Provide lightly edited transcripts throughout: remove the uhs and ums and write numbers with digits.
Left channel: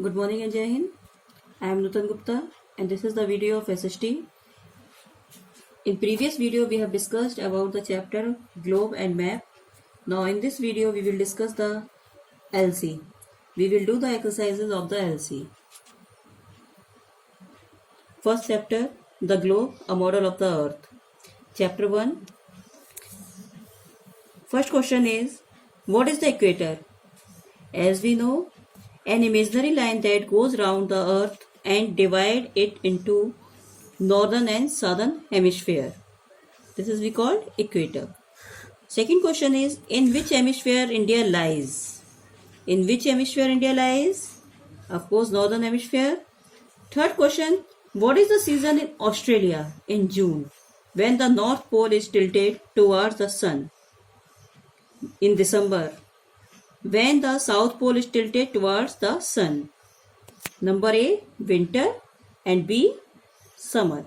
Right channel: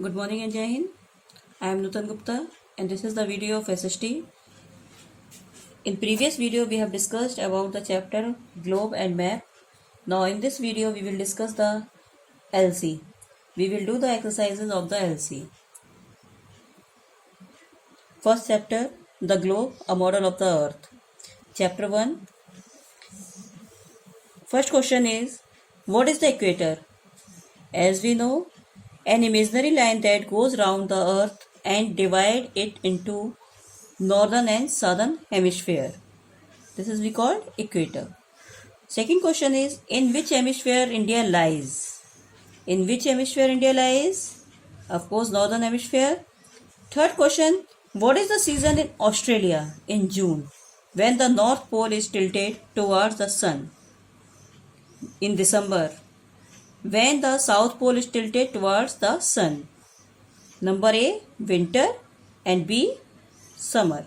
Good morning and Jai Hind. I am Nutan Gupta and this is the video of SST. In previous video we have discussed about the chapter globe and map. Now in this video we will discuss the LC. We will do the exercises of the LC. First chapter, the globe, a model of the earth. Chapter 1. First question is, what is the equator? As we know, an imaginary line that goes round the earth and divide it into northern and southern hemisphere. This is we called equator. Second question is, in which hemisphere India lies? In which hemisphere India lies? Of course, northern hemisphere. Third question, what is the season in Australia in June when the North Pole is tilted towards the sun? In December, when the South Pole is tilted towards the sun. Number A, winter and B, summer.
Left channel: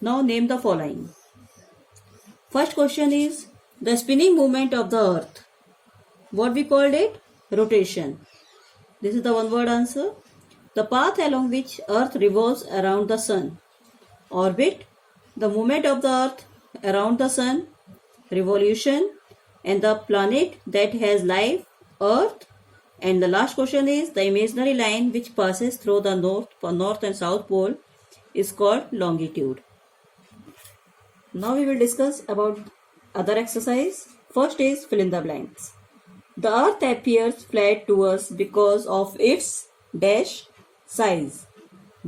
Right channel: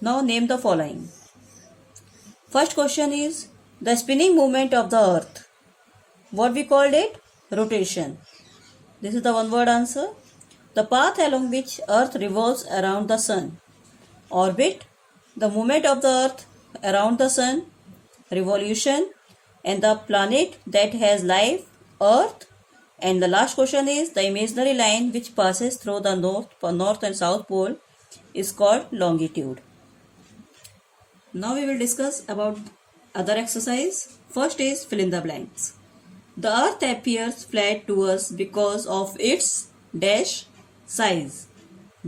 Now name the following. First question is the spinning movement of the earth. What we called it? Rotation. This is the one word answer. The path along which earth revolves around the sun. Orbit, the movement of the earth around the sun. Revolution, and the planet that has life, earth. And the last question is the imaginary line which passes through the north and south pole is called longitude. Now we will discuss about other exercise. First is fill in the blanks. The earth appears flat to us because of its dash size.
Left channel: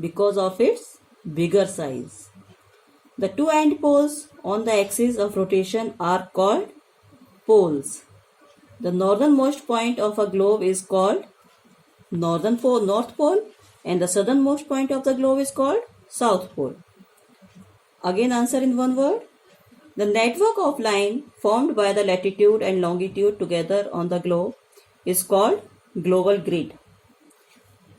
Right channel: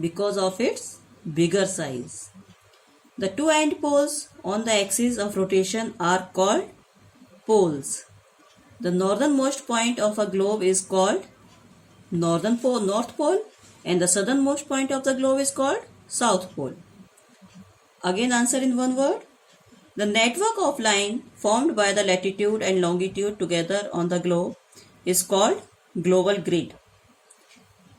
Because of its bigger size. The two end poles on the axis of rotation are called poles. The northernmost point of a globe is called north pole, and the southernmost point of the globe is called south pole. Again answer in one word. The network of line formed by the latitude and longitude together on the globe is called global grid.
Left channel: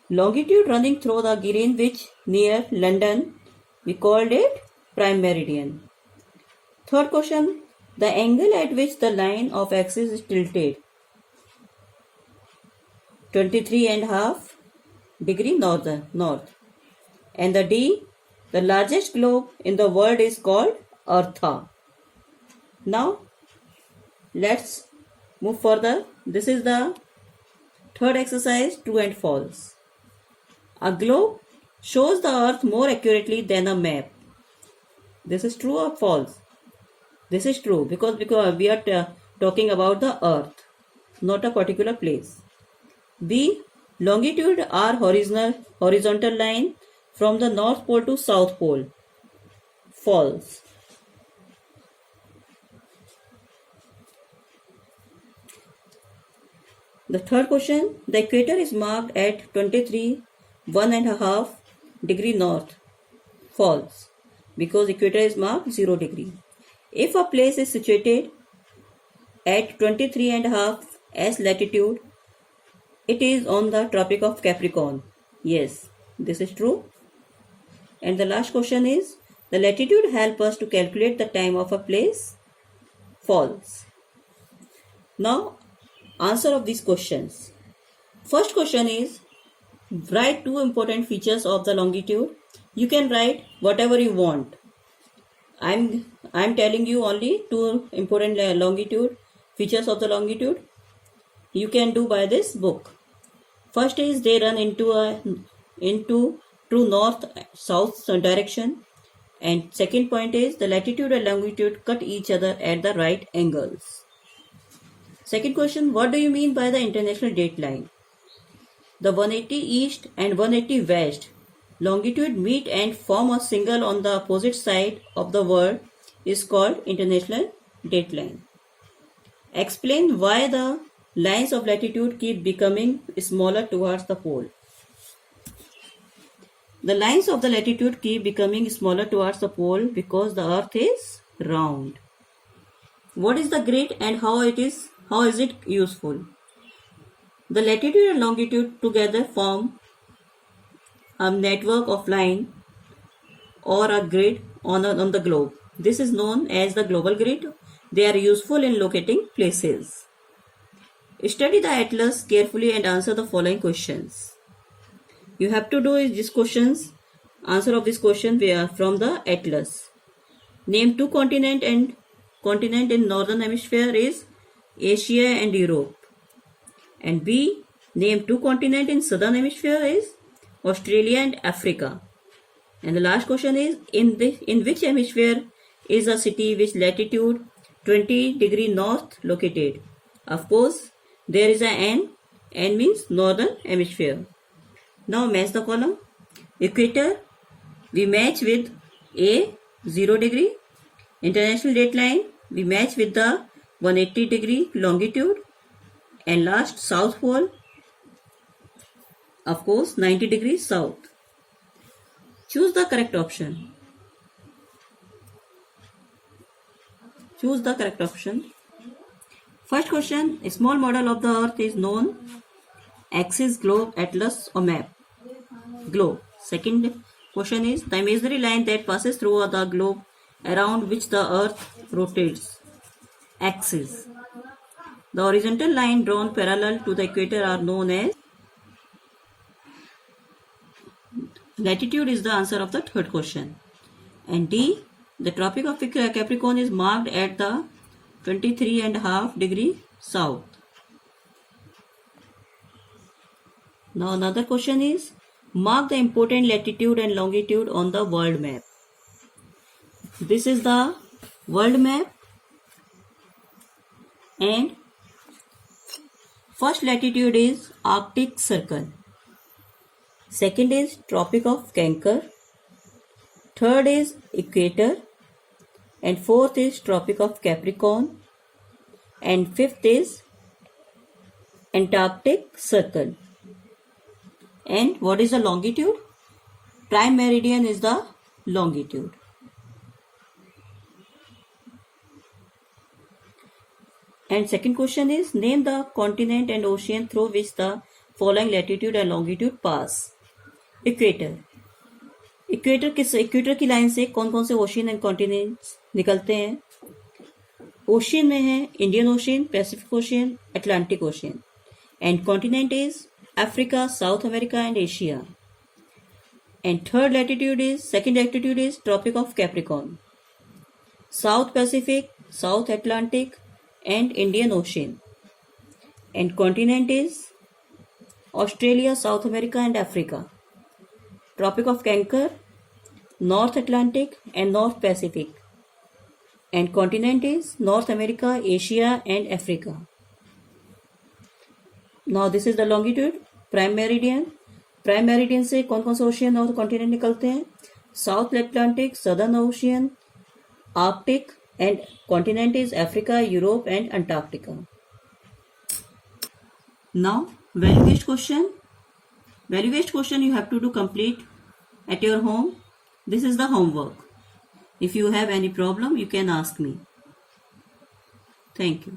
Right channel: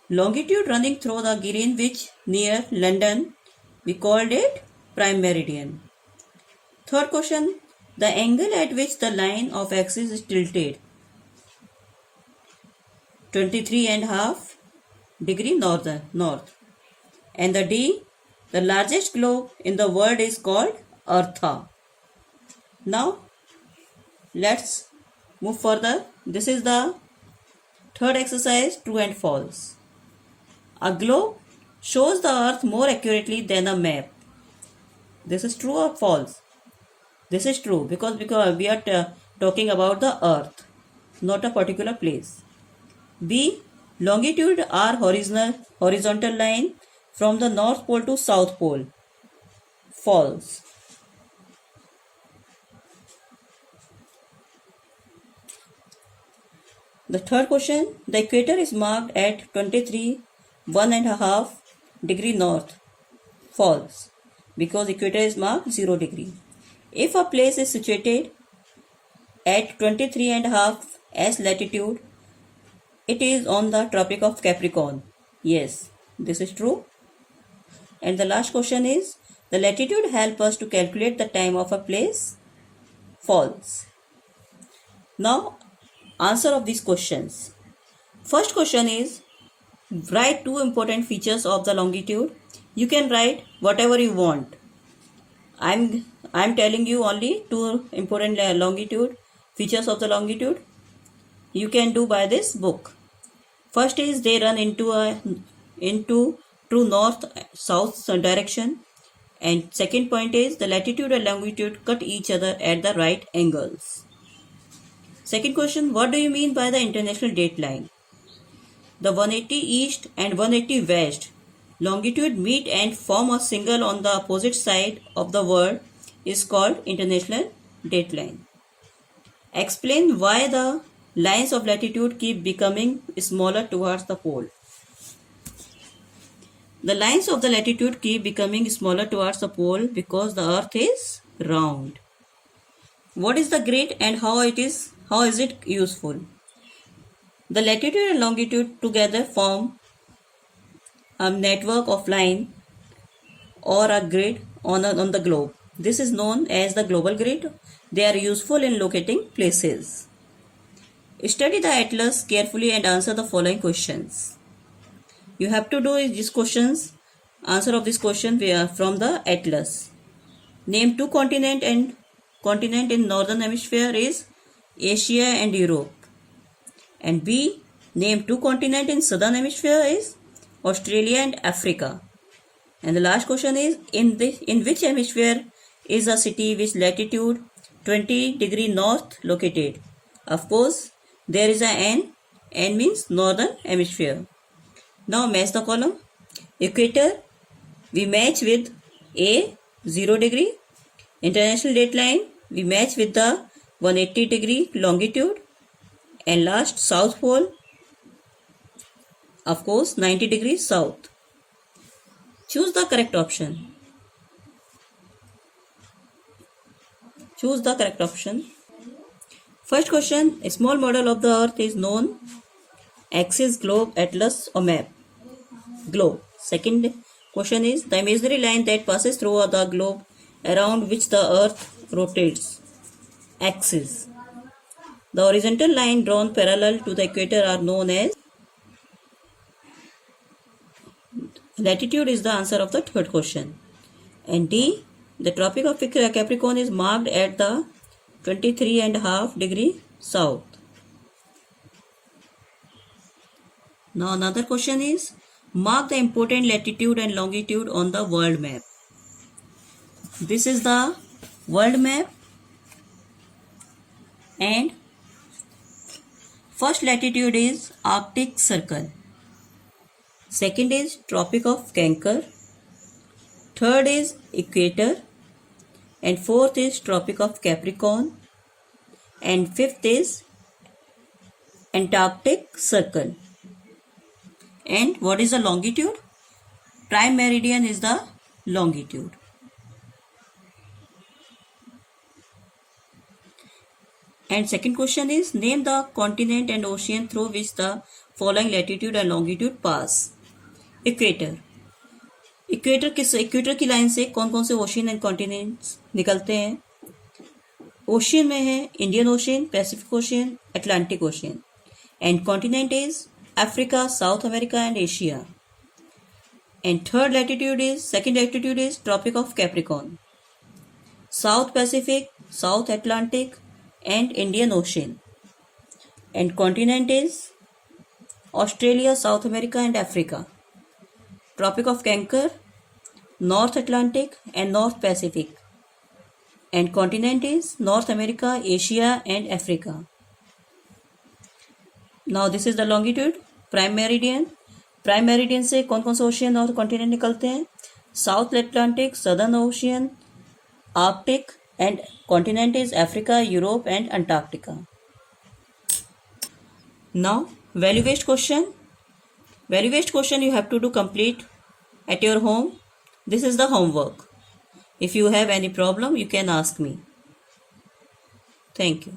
Longitude running through the Greenwich near London, we called it prime meridian. Third question, the angle at which the line of axis is tilted, 23.5 degree north. And the D, the largest globe in the world is called Eartha. Now, let's move further. This is the third exercise, true and false. A globe shows the earth more accurately than a map. This is true or false? This is true because we are talking about the earth, not a particular place. B, longitude are horizontal line from the north pole to south pole. False. The third question, the equator is marked at 23.1.5 degree north. False, because equator is marked 0 degree. If a place is situated at 23.5 as latitude, it is on the Tropic of Capricorn. Yes, this is true. And the last question is, the latitude helps us to calculate the time of a place. False. Now, answer of these questions. First question is, write two important features of the longitude. You can write whatever you want. I'm telling you only two important longitude features of the longitude. You can do by this book. First is they run into true north-south direction, and second point is the latitude and longitude cut each other at the right angles. Second question, what do you mean by the international date line? The 180 east and 180 west longitude meet and form a single on the opposite side of the world is called international date line. Explain why the lines of latitude keep becoming smaller towards the pole. The lines of the latitude keep becoming smaller towards the pole because the earth is round. What is the grid and how is it useful? The latitude and longitude together form a network of line or a grid on the globe. This is known as the global grid. They are useful in locating places. Study the atlas carefully and answer the following questions. You have to do is this questions. Answer of this question we are from the atlas. Name two continent in northern hemisphere is Asia and Europe. And B, name two continent in southern hemisphere is Australia and Africa. And the last question is in which hemisphere is a city with latitude 20 degree north located? Of course, there is a N. N means northern hemisphere. Now match the column. Equator, we match with A 0 degree. International dateline, we match with the 180 degree longitude. And last, South Pole, of course 90 degrees south. Choose the correct option. Choose the correct option. First question, a small model of the earth is known axis, globe, atlas or map. Globe. Second question is the imaginary line that passes through the globe around which the earth rotates. Axis. The horizontal line drawn parallel to the equator are known as latitude is the answer of the third question. And D, the Tropic of Capricorn is marked at the 23.5 degree south. Now another question is mark the important latitude and longitude on the world map. This is the world map and first latitude is Arctic Circle. Second is Tropic of Cancer. Third is Equator. And fourth is Tropic of Capricorn. And fifth is Antarctic Circle. And what is the longitude? Prime meridian is the longitude. And second question is name the continent and ocean through which the following latitude and longitude pass. Equator. Equator की line से कौन कौन से ocean and continents निकलते हैं? Ocean में है Indian Ocean, Pacific Ocean, Atlantic Ocean. And continent is Africa, South America and Asia. And third latitude is second latitude is Tropic of Capricorn. South Pacific, South Atlantic and Indian Ocean. And continent is Australia, South America and Africa. Tropic of Cancer, North Atlantic and North Pacific. And continent is North America, Asia and Africa. Now this is the longitude, prime meridian. Prime meridian से कौन कौन से ocean और continent निकलते हैं? South Atlantic, southern ocean, Arctic and continent is Africa, Europe and Antarctica. Now value based question. Value based question you have to do complete at your home. This is the homework. If you have any problem, you can ask me. Thank you.